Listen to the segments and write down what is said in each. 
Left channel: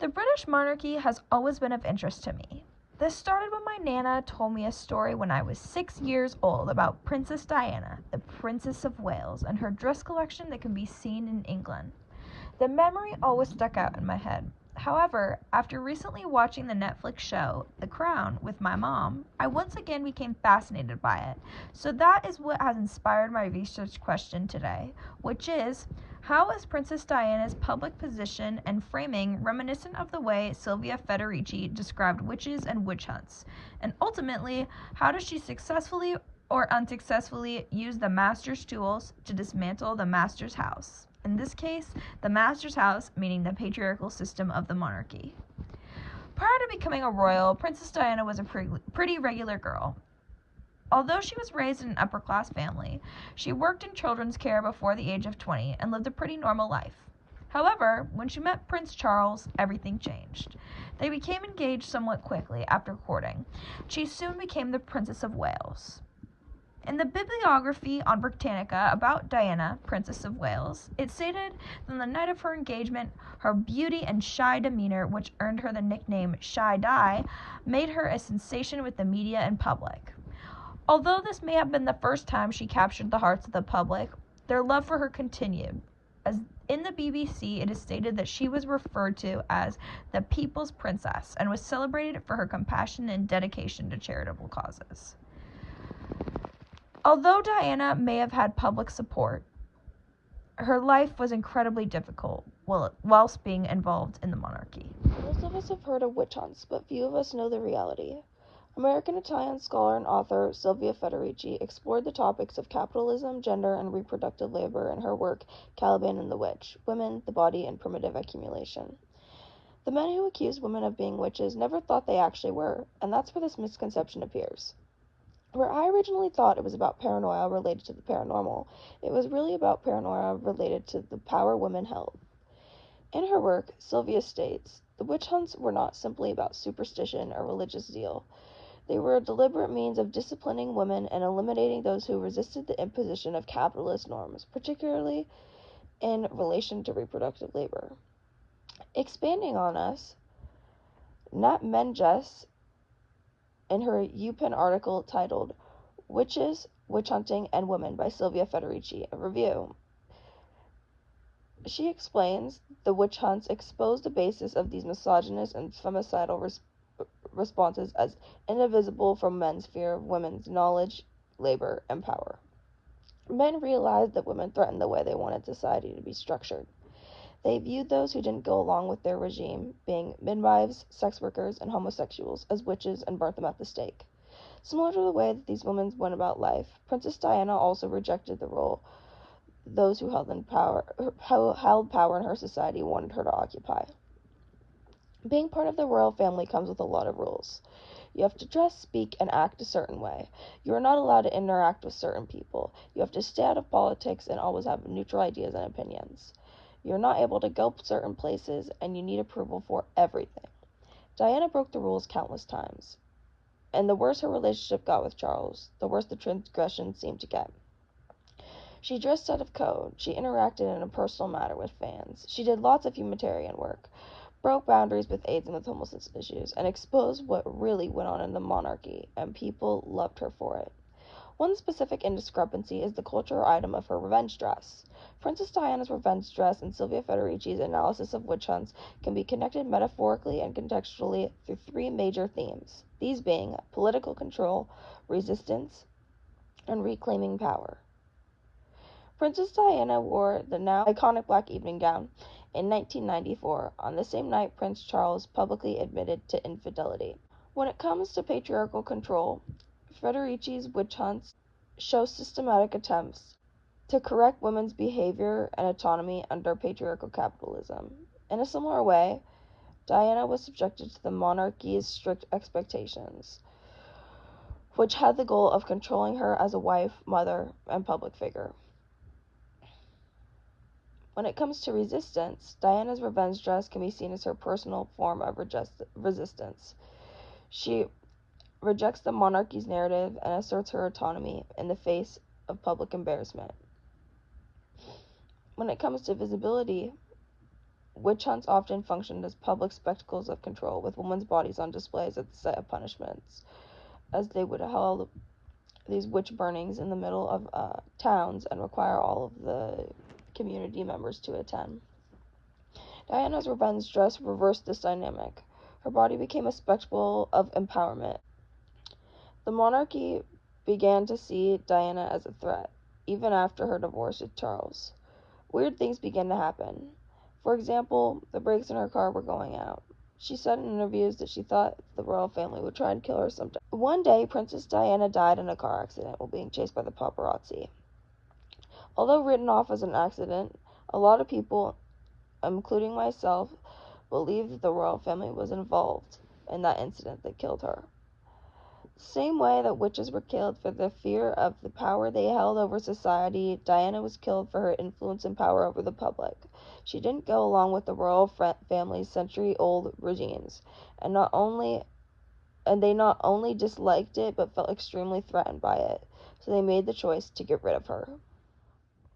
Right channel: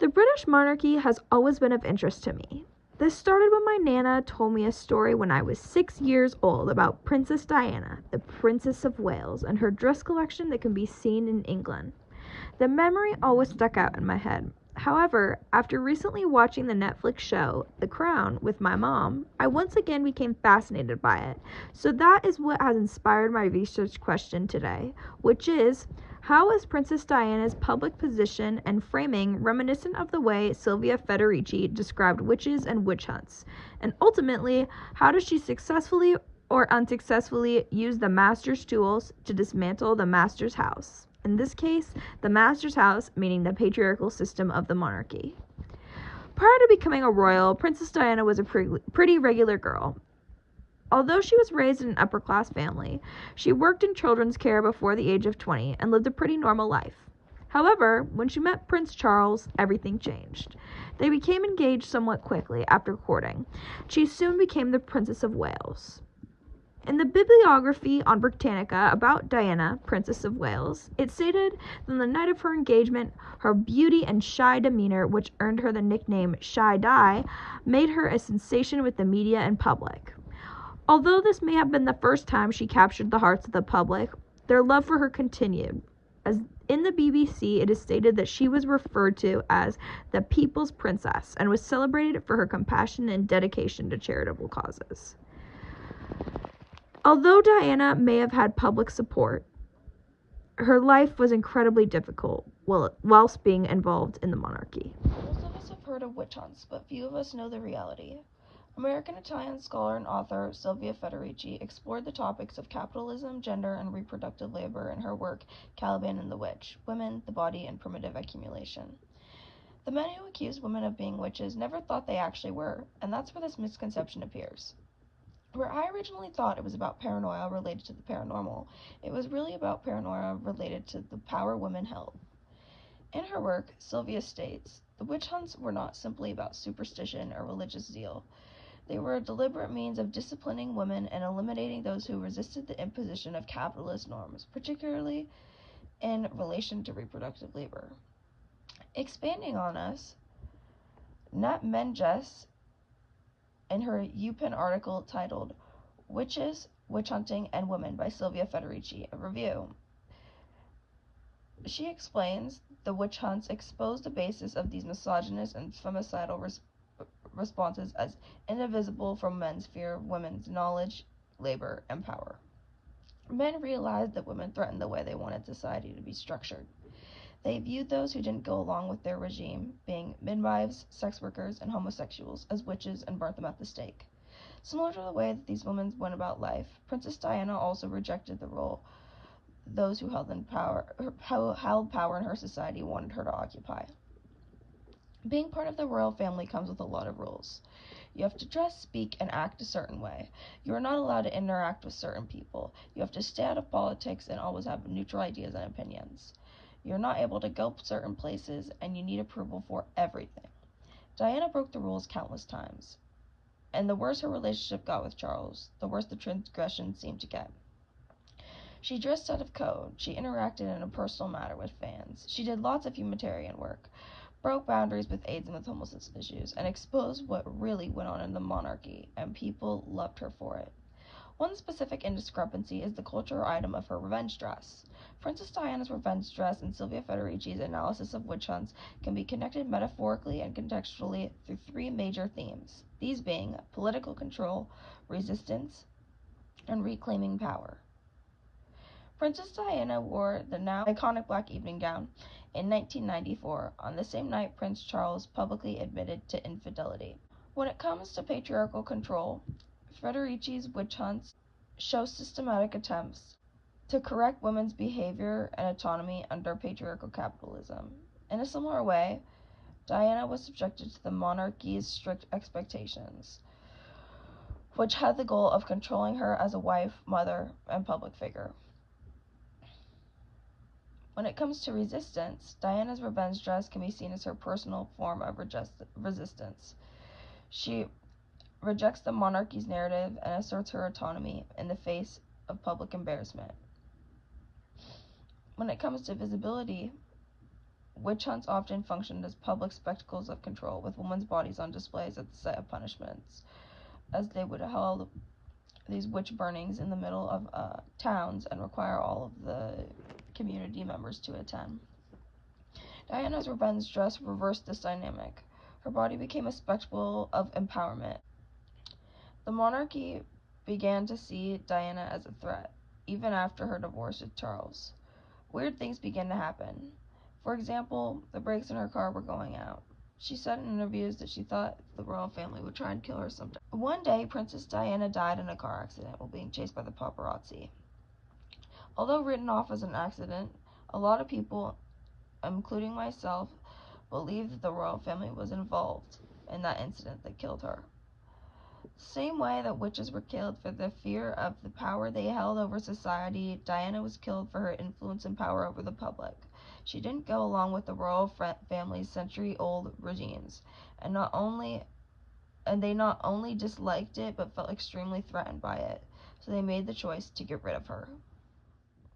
The British monarchy has always been of interest to me. This started when my Nana told me a story when I was 6 years old about Princess Diana, the Princess of Wales, and her dress collection that can be seen in England. The memory always stuck out in my head. However, after recently watching the Netflix show The Crown with my mom, I once again became fascinated by it. So that is what has inspired my research question today, which is, how is Princess Diana's public position and framing reminiscent of the way Silvia Federici described witches and witch hunts? And ultimately, how does she successfully or unsuccessfully use the master's tools to dismantle the master's house? In this case, the master's house, meaning the patriarchal system of the monarchy. Prior to becoming a royal, Princess Diana was a pretty regular girl. Although she was raised in an upper-class family, she worked in children's care before the age of 20 and lived a pretty normal life. However, when she met Prince Charles, everything changed. They became engaged somewhat quickly after courting. She soon became the Princess of Wales. In the bibliography on Britannica about Diana, Princess of Wales, it stated that on the night of her engagement, her beauty and shy demeanor, which earned her the nickname Shy Di, made her a sensation with the media and public. Although this may have been the first time she captured the hearts of the public, their love for her continued. As in the BBC, it is stated that she was referred to as the People's Princess and was celebrated for her compassion and dedication to charitable causes. Although Diana may have had public support, her life was incredibly difficult whilst being involved in the monarchy. Most of us have heard of witch hunts, but few of us know the reality. American-Italian scholar and author Silvia Federici explored the topics of capitalism, gender, and reproductive labor in her work Caliban and the Witch, Women, the Body, and Primitive Accumulation. The men who accused women of being witches never thought they actually were, and that's where this misconception appears. Where I originally thought it was about paranoia related to the paranormal, it was really about paranoia related to the power women held. In her work, Sylvia states, the witch hunts were not simply about superstition or religious zeal. They were a deliberate means of disciplining women and eliminating those who resisted the imposition of capitalist norms, particularly in relation to reproductive labor. Expanding on us, Nat Menges, in her UPenn article titled Witches, Witch Hunting, and Women by Silvia Federici, a review. She explains the witch hunts expose the basis of these misogynist and femicidal responses as indivisible from men's fear of women's knowledge, labor, and power. Men realized that women threatened the way they wanted society to be structured. They viewed those who didn't go along with their regime, being midwives, sex workers, and homosexuals, as witches and burnt them at the stake. Similar to the way that these women went about life, Princess Diana also rejected the role those who held power in her society wanted her to occupy. Being part of the royal family comes with a lot of rules. You have to dress, speak, and act a certain way. You are not allowed to interact with certain people. You have to stay out of politics and always have neutral ideas and opinions. You're not able to go certain places, and you need approval for everything. Diana broke the rules countless times, and the worse her relationship got with Charles, the worse the transgression seemed to get. She dressed out of code, she interacted in a personal manner with fans, she did lots of humanitarian work, broke boundaries with AIDS and with homelessness issues, and exposed what really went on in the monarchy, and people loved her for it. One specific indiscrepancy is the cultural item of her revenge dress. Princess Diana's revenge dress and Silvia Federici's analysis of witch hunts can be connected metaphorically and contextually through three major themes, these being political control, resistance, and reclaiming power. Princess Diana wore the now iconic black evening gown in 1994, on the same night Prince Charles publicly admitted to infidelity. When it comes to patriarchal control, Federici's witch hunts show systematic attempts to correct women's behavior and autonomy under patriarchal capitalism. In a similar way, Diana was subjected to the monarchy's strict expectations, which had the goal of controlling her as a wife, mother, and public figure. When it comes to resistance, Diana's revenge dress can be seen as her personal form of resistance. She rejects the monarchy's narrative and asserts her autonomy in the face of public embarrassment. When it comes to visibility, Witch hunts often functioned as public spectacles of control, with women's bodies on displays at the site of punishments, as they would hold these witch burnings in the middle of towns and require all of the community members to attend. Diana's revenge dress reversed this dynamic. Her body became a spectacle of empowerment. The monarchy began to see Diana as a threat, even after her divorce with Charles. Weird things began to happen. For example, the brakes in her car were going out. She said in interviews that she thought the royal family would try and kill her someday. One day, Princess Diana died in a car accident while being chased by the paparazzi. Although written off as an accident, a lot of people, including myself, believe that the royal family was involved in that incident that killed her. The same way that witches were killed for the fear of the power they held over society, Diana was killed for her influence and power over the public. She didn't go along with the royal family's century-old regimes, and they not only disliked it but felt extremely threatened by it, so they made the choice to get rid of her.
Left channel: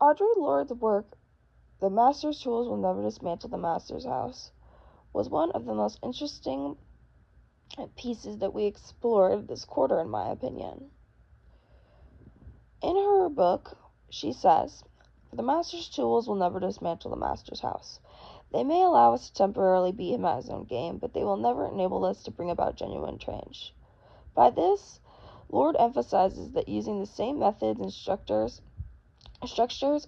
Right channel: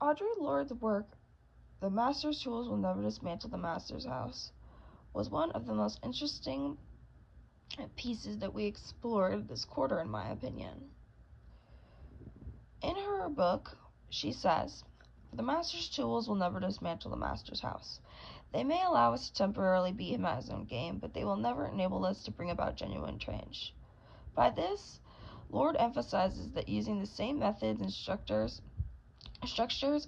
Audre Lorde's work, The Master's Tools Will Never Dismantle the Master's House, was one of the most interesting pieces that we explored this quarter, in my opinion. In her book, she says, "The Master's tools will never dismantle the Master's house. They may allow us to temporarily beat him at his own game, but they will never enable us to bring about genuine change." By this, Lord emphasizes that using the same methods and structures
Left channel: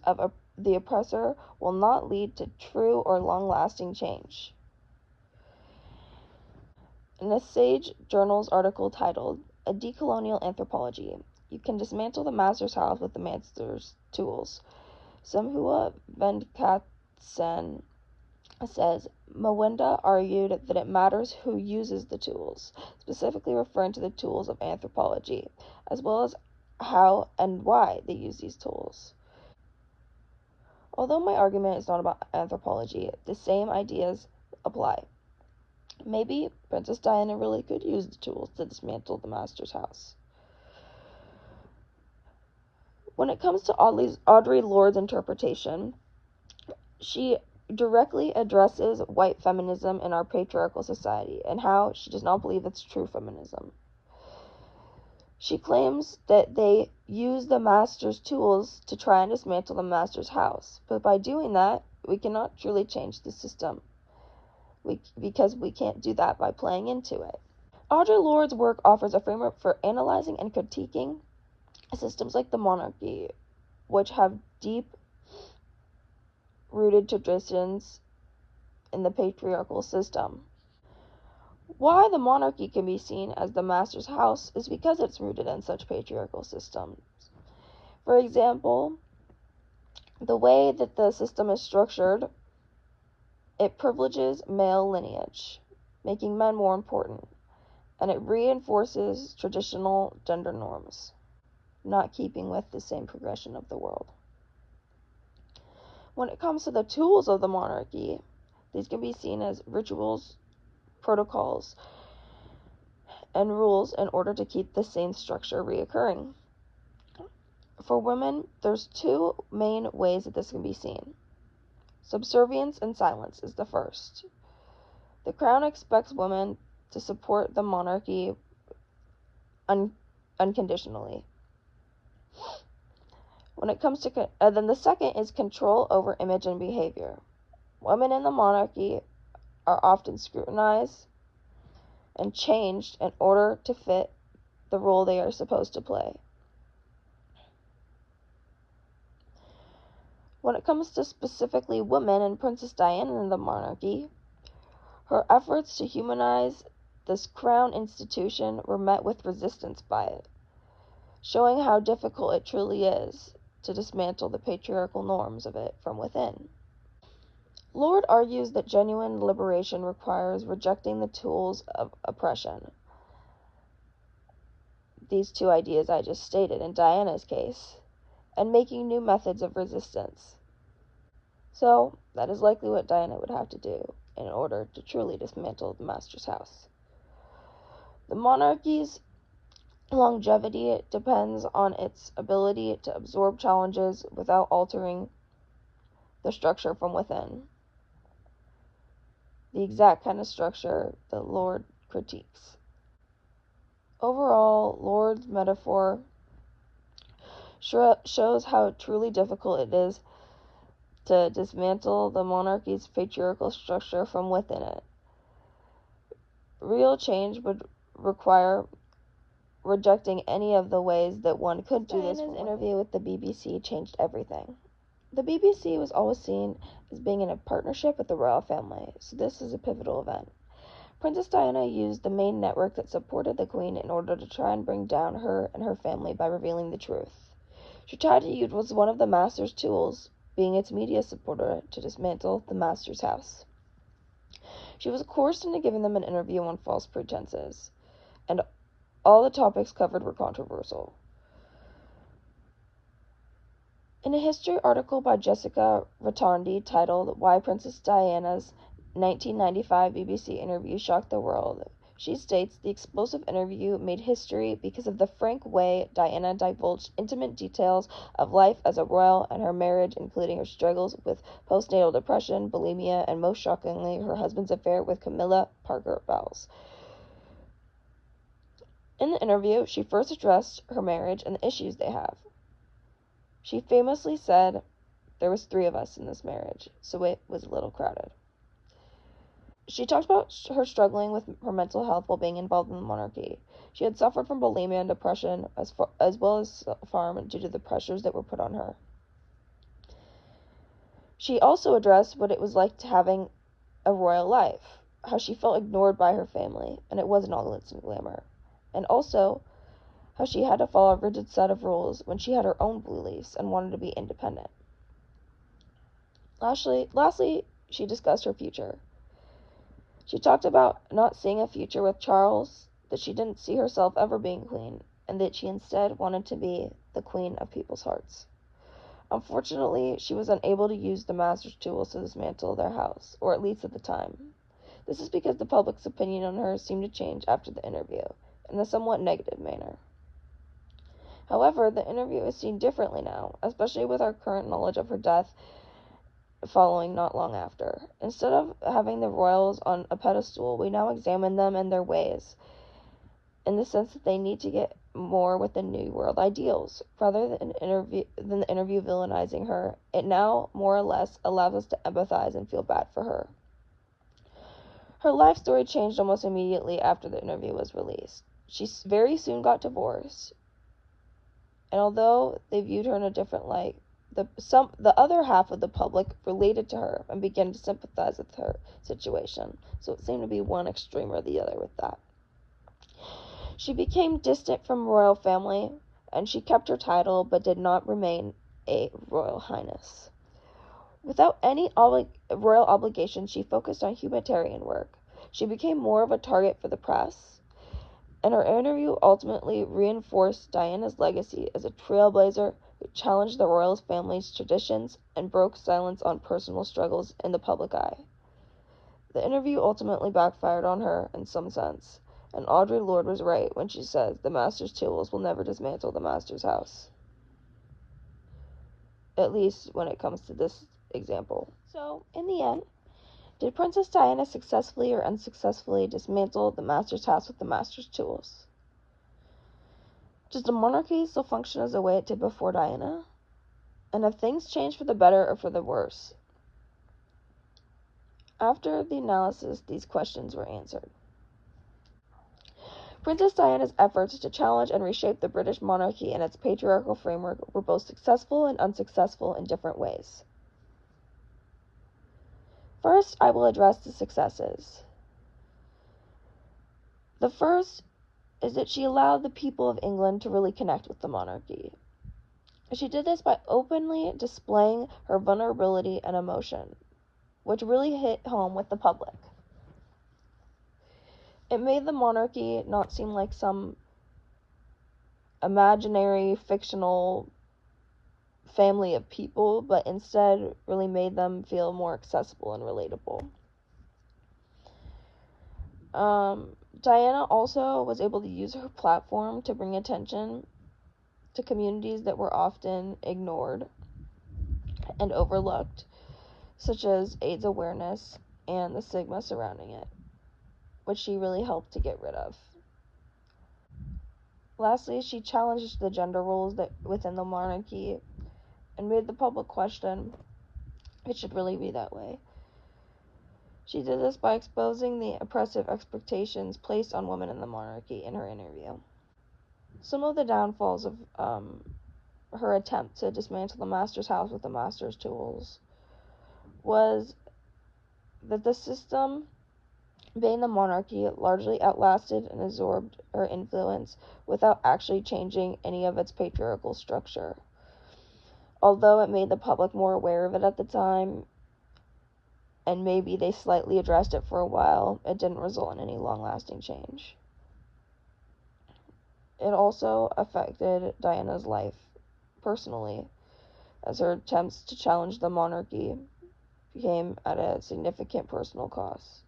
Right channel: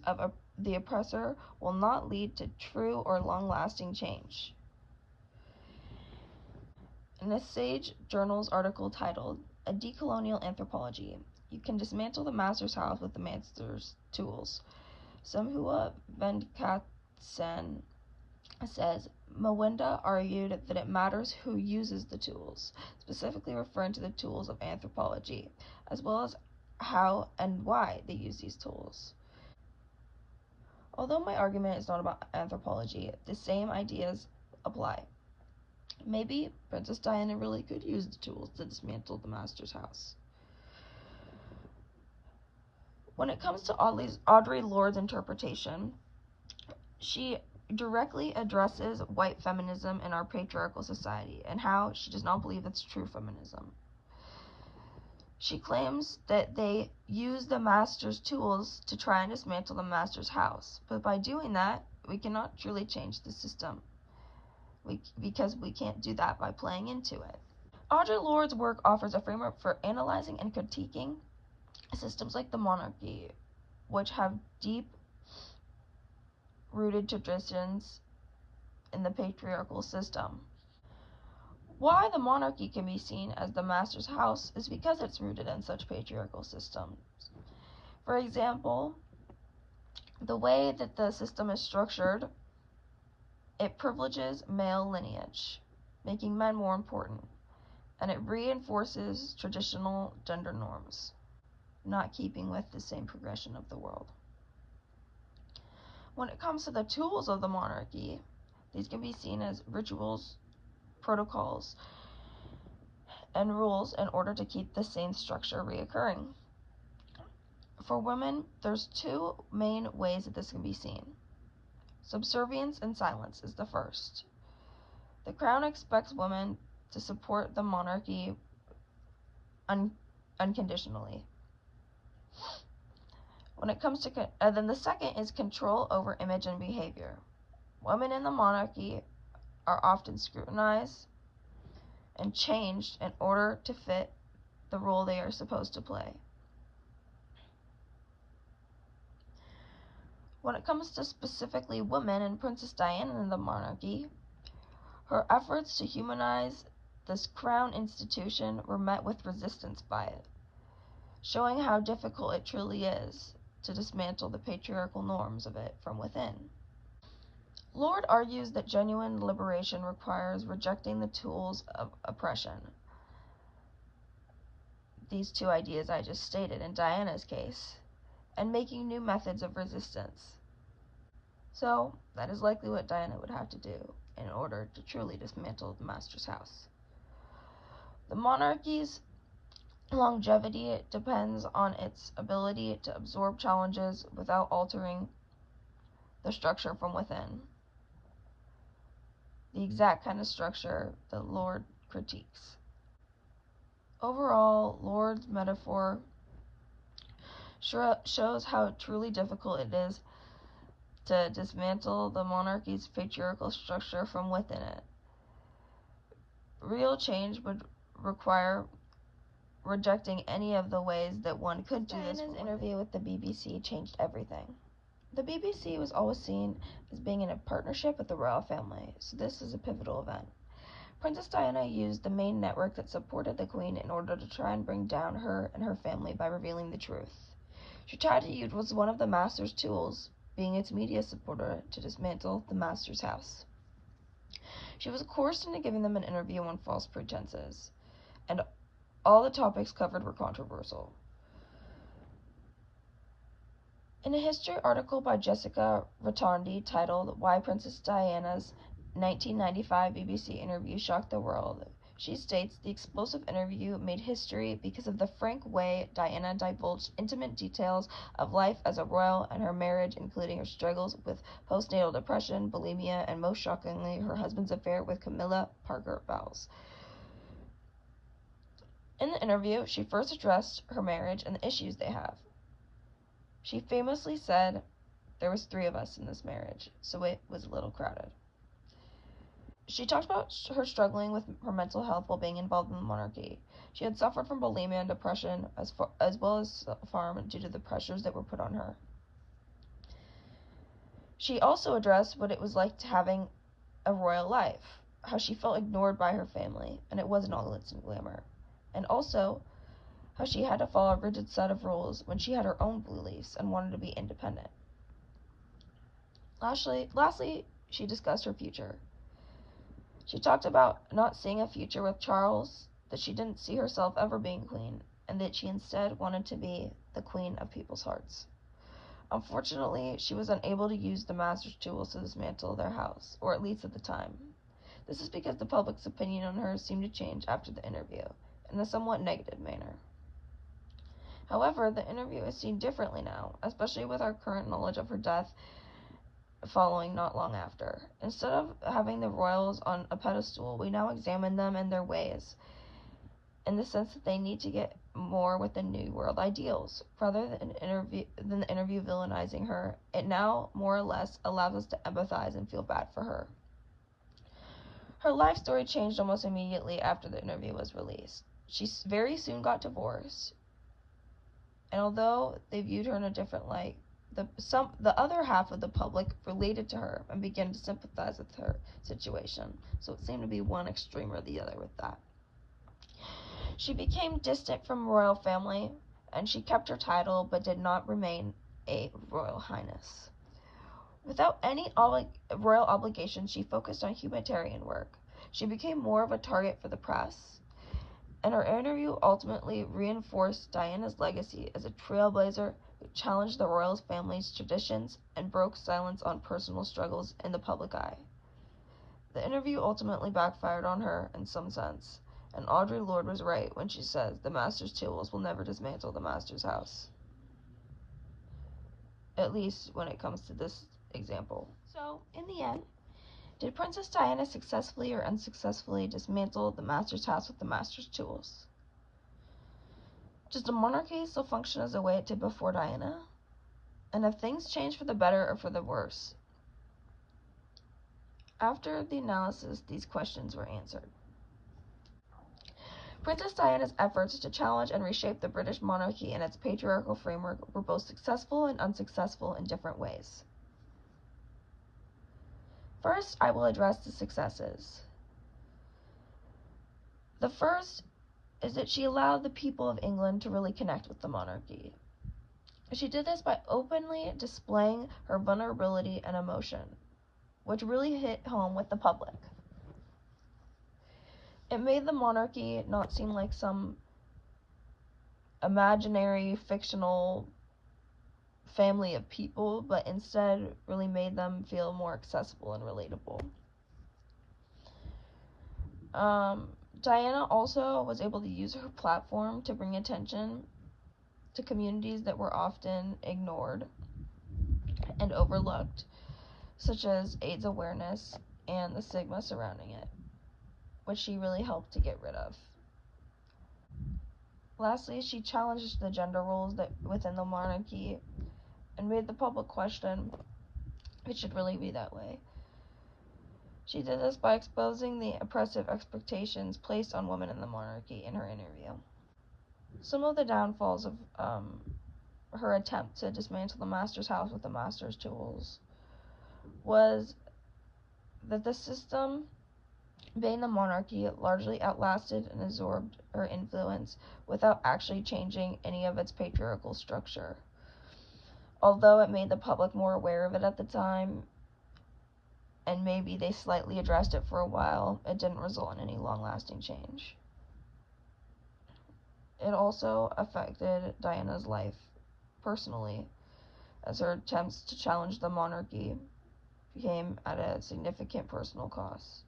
of the oppressor will not lead to true or long-lasting change. In a Sage Journals article titled "A Decolonial Anthropology," you can dismantle the Master's house with the Master's tools. Samhua Venkatsen says, Mwenda argued that it matters who uses the tools, specifically referring to the tools of anthropology, as well as how and why they use these tools. Although my argument is not about anthropology, the same ideas apply. Maybe Princess Diana really could use the tools to dismantle the Master's house. When it comes to Audre Lorde's interpretation, she directly addresses white feminism in our patriarchal society and how she does not believe it's true feminism. She claims that they use the Master's tools to try and dismantle the Master's house, but by doing that, we cannot truly change the system, because we can't do that by playing into it. Audre Lorde's work offers a framework for analyzing and critiquing systems like the monarchy, which have deep-rooted traditions in the patriarchal system. Why the monarchy can be seen as the Master's house is because it's rooted in such patriarchal systems. For example, the way that the system is structured, it privileges male lineage, making men more important, and it reinforces traditional gender norms, not keeping with the same progression of the world. When it comes to the tools of the monarchy, these can be seen as rituals, protocols, and rules in order to keep the same structure reoccurring. For women, there's two main ways that this can be seen. Subservience and silence is the first. The crown expects women to support the monarchy unconditionally. When it comes to then the second is control over image and behavior. Women in the monarchy are often scrutinized and changed in order to fit the role they are supposed to play. When it comes to specifically women and Princess Diana in the monarchy, her efforts to humanize this crown institution were met with resistance by it, showing how difficult it truly is to dismantle the patriarchal norms of it from within. Lorde argues that genuine liberation requires rejecting the tools of oppression, these two ideas I just stated in Diana's case, and making new methods of resistance. So, that is likely what Diana would have to do in order to truly dismantle the Master's house. The monarchy's longevity depends on its ability to absorb challenges without altering the structure from within. the exact kind of structure the Lord critiques. Overall, Lord's metaphor shows how truly difficult it is to dismantle the monarchy's patriarchal structure from within it. Real change would require rejecting any of the ways that one could do this. Diana's interview with the BBC changed everything. The BBC was always seen as being in a partnership with the royal family, so this is a pivotal event. Princess Diana used the main network that supported the Queen in order to try and bring down her and her family by revealing the truth. She tried to use one of the Master's tools, being its media supporter, to dismantle the Master's house. She was coerced into giving them an interview on false pretenses, and all the topics covered were controversial. In a history article by Jessica Rotondi titled "Why Princess Diana's 1995 BBC interview shocked the world," she states the explosive interview made history because of the frank way Diana divulged intimate details of life as a royal and her marriage, including her struggles with postnatal depression, bulimia, and most shockingly, her husband's affair with Camilla Parker Bowles. In the interview, she first addressed her marriage and the issues they have. She famously said, "There was 3 of us in this marriage, so it was a little crowded." She talked about her struggling with her mental health while being involved in the monarchy. She had suffered from bulimia and depression as well as self-harm due to the pressures that were put on her. She also addressed what it was like to having a royal life, how she felt ignored by her family, and it wasn't all glitz and glamour, and also how she had to follow a rigid set of rules when she had her own beliefs and wanted to be independent. Lastly, she discussed her future. She talked about not seeing a future with Charles, that she didn't see herself ever being queen, and that she instead wanted to be the queen of people's hearts. Unfortunately, she was unable to use the Master's tools to dismantle their house, or at least at the time. This is because the public's opinion on her seemed to change after the interview, in a somewhat negative manner. However, the interview is seen differently now, especially with our current knowledge of her death following not long after. Instead of having the royals on a pedestal, we now examine them and their ways, in the sense that they need to get more with the New World ideals. Rather than the interview villainizing her, it now more or less allows us to empathize and feel bad for her. Her life story changed almost immediately after the interview was released. She very soon got divorced, and although they viewed her in a different light, the other half of the public related to her and began to sympathize with her situation. So it seemed to be one extreme or the other with that. She became distant from royal family, and she kept her title but did not remain a royal highness. Without any royal obligation, she focused on humanitarian work. She became more of a target for the press, and her interview ultimately reinforced Diana's legacy as a trailblazer who challenged the royal family's traditions and broke silence on personal struggles in the public eye. The interview ultimately backfired on her in some sense, and Audre Lorde was right when she says the Master's tools will never dismantle the Master's house. At least when it comes to this example. So, in the end, did Princess Diana successfully or unsuccessfully dismantle the Master's house with the Master's tools? Does the monarchy still function as the way it did before Diana? And have things changed for the better or for the worse? After the analysis, these questions were answered. Princess Diana's efforts to challenge and reshape the British monarchy and its patriarchal framework were both successful and unsuccessful in different ways. First, I will address the successes. The first is that she allowed the people of England to really connect with the monarchy. She did this by openly displaying her vulnerability and emotion, which really hit home with the public. It made the monarchy not seem like some imaginary, fictional family of people, but instead really made them feel more accessible and relatable. Diana also was able to use her platform to bring attention to communities that were often ignored and overlooked, such as AIDS awareness and the stigma surrounding it, which she really helped to get rid of. Lastly, she challenged the gender roles that within the monarchy and made the public question if it should really be that way. She did this by exposing the oppressive expectations placed on women in the monarchy in her interview. Some of the downfalls of her attempt to dismantle the master's house with the master's tools was that the system, being the monarchy, largely outlasted and absorbed her influence without actually changing any of its patriarchal structure. Although it made the public more aware of it at the time, and maybe they slightly addressed it for a while, it didn't result in any long-lasting change. It also affected Diana's life personally, as her attempts to challenge the monarchy came at a significant personal cost,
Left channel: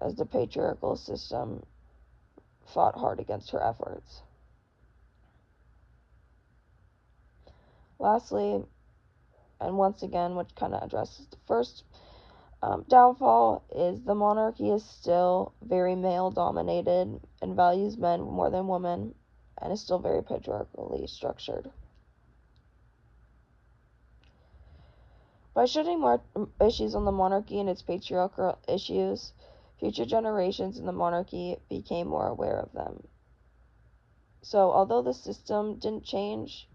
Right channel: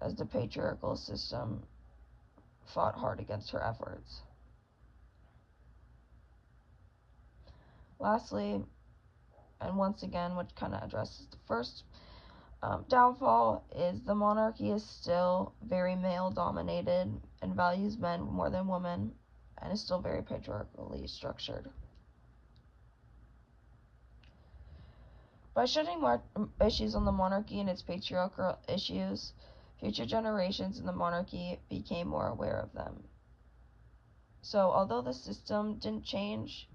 as the patriarchal system fought hard against her efforts. Lastly, and once again, which kind of addresses the first downfall, is the monarchy is still very male dominated and values men more than women, and is still very patriarchally structured. By shedding more issues on the monarchy and its patriarchal issues, future generations in the monarchy became more aware of them. So, although the system didn't change,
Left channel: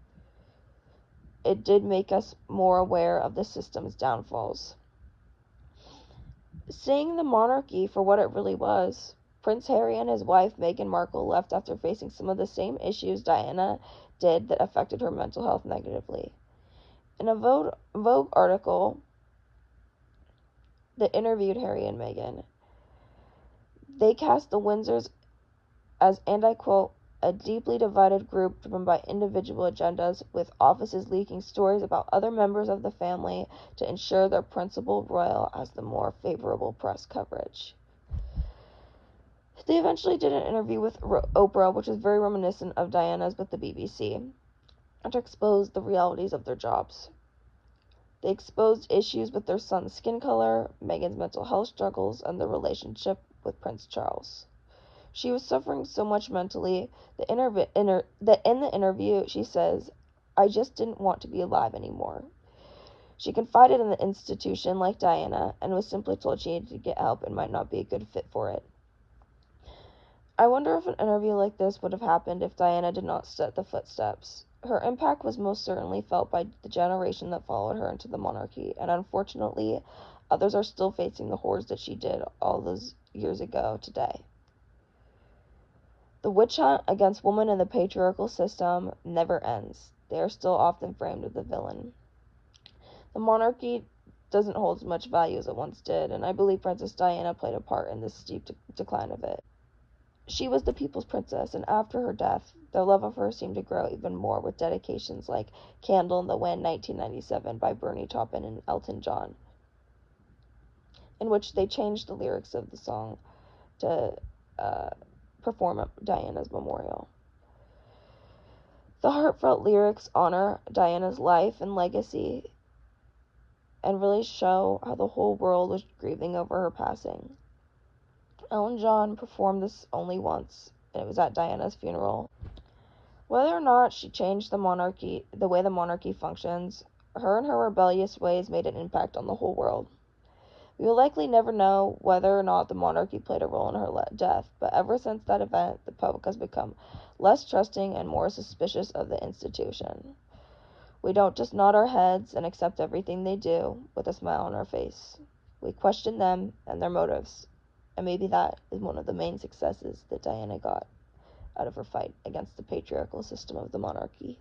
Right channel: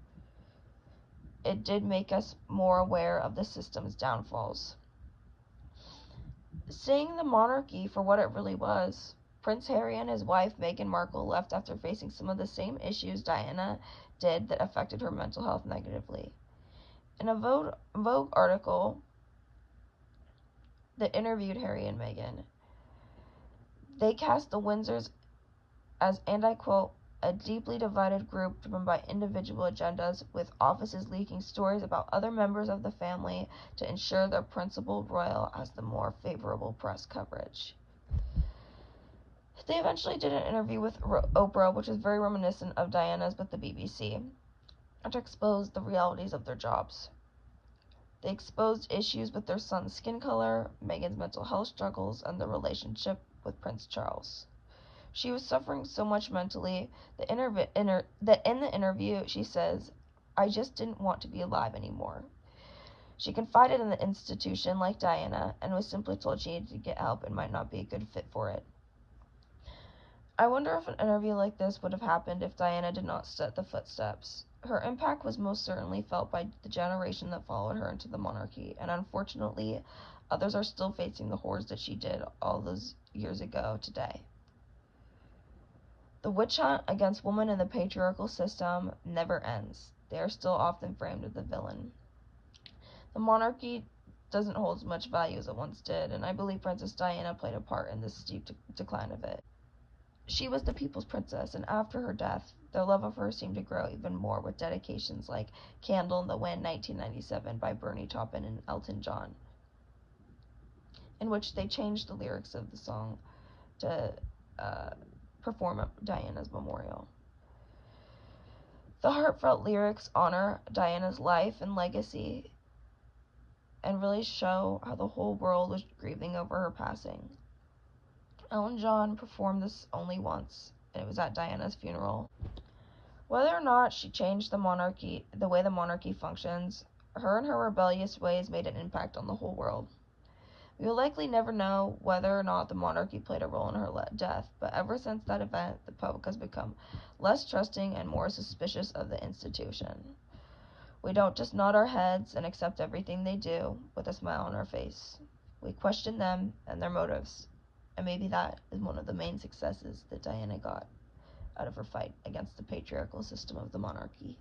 it did make us more aware of the system's downfalls. Seeing the monarchy for what it really was, Prince Harry and his wife Meghan Markle left after facing some of the same issues Diana did that affected her mental health negatively. In a Vogue article that interviewed Harry and Meghan, they cast the Windsors as, and I quote, a deeply divided group driven by individual agendas, with offices leaking stories about other members of the family to ensure their principal royal has the more favorable press coverage. They eventually did an interview with Oprah, which was very reminiscent of Diana's with the BBC, to expose the realities of their jobs. They exposed issues with their son's skin color, Meghan's mental health struggles, and the relationship with Prince Charles. She was suffering so much mentally that in the interview she says, "I just didn't want to be alive anymore." She confided in the institution like Diana and was simply told she needed to get help and might not be a good fit for it. I wonder if an interview like this would have happened if Diana did not set the footsteps. Her impact was most certainly felt by the generation that followed her into the monarchy, and unfortunately, others are still facing the horrors that she did all those years ago today. The witch hunt against women in the patriarchal system never ends. They are still often framed as the villain. The monarchy doesn't hold as much value as it once did, and I believe Princess Diana played a part in this steep decline of it. She was the people's princess, and after her death, their love of her seemed to grow even more with dedications like Candle in the Wind 1997 by Bernie Taupin and Elton John, in which they changed the lyrics of the song to perform at Diana's memorial. The heartfelt lyrics honor Diana's life and legacy and really show how the whole world was grieving over her passing. Elton John performed this only once, and it was at Diana's funeral. Whether or not she changed the way the monarchy functions, her and her rebellious ways made an impact on the whole world. We will likely never know whether or not the monarchy played a role in her death, but ever since that event, the public has become less trusting and more suspicious of the institution. We don't just nod our heads and accept everything they do with a smile on our face. We question them and their motives, and maybe that is one of the main successes that Diana got out of her fight against the patriarchal system of the monarchy.